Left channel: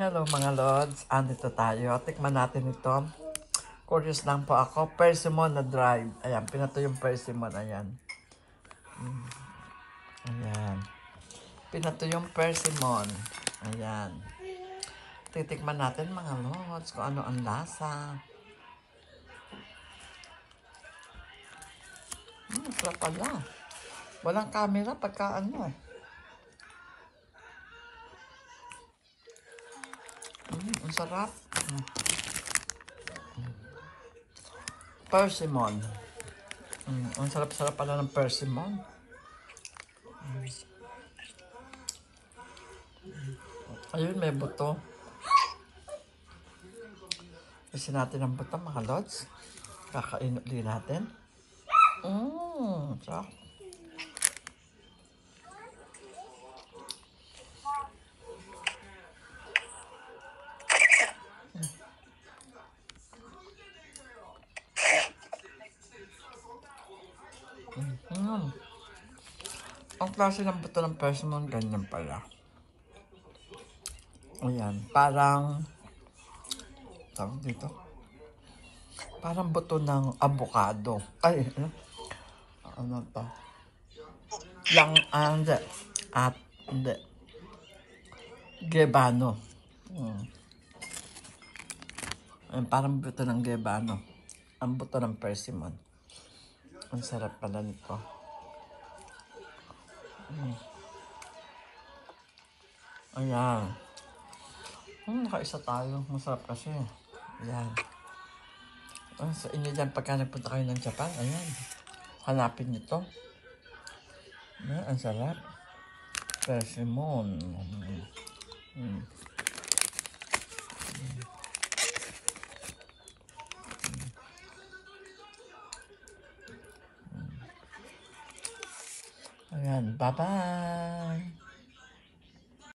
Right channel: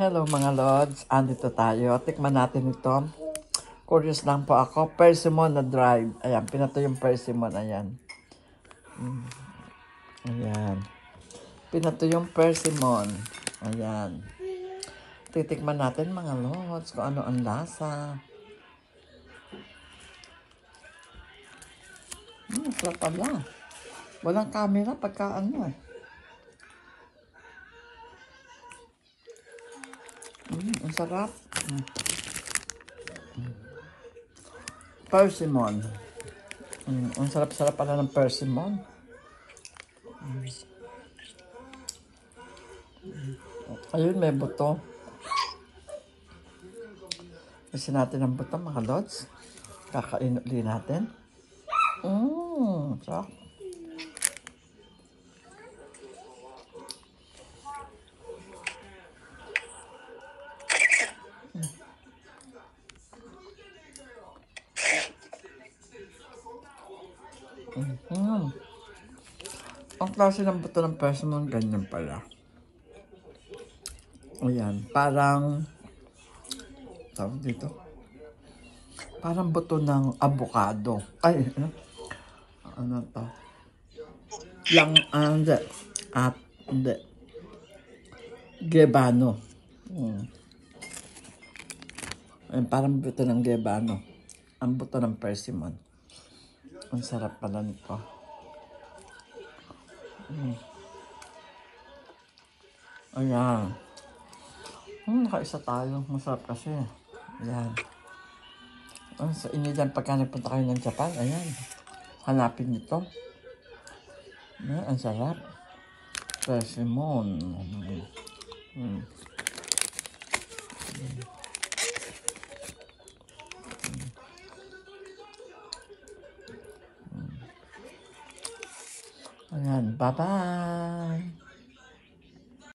Hello mga Lods, andito tayo. Tikman natin ito. Curious lang po ako. Persimmon na dried. Ayan, pinato yung persimmon. Ayan. Ayan. Pinato yung persimmon. Ayan. Titikman natin mga Lods kung ano ang lasa. Sarap pala. Walang camera pagka ano eh. Ang sarap. Persimmon. Ang sarap-sarap pala ng persimmon. Ayun, may buto. Kasi natin ang buto mga Lods. Kakain ulit natin. Sarap. Ang klase ng buto ng persimmon, ganyan pala. Ayan, parang tawag dito. Parang buto ng avocado. Ay, ano to? Yung, hindi. Gebano. Ayan, parang buto ng gebano. Ang buto ng persimmon. Ang sarap pala nito. Ayan. Nakaisa tayo. Masarap kasi. Ayan. Sa inyo dyan, pagka nagpunta kayo ng Japan, ayan. Hanapin nito. Ayan, ang sarap. Persimmon. Ayan, bye-bye.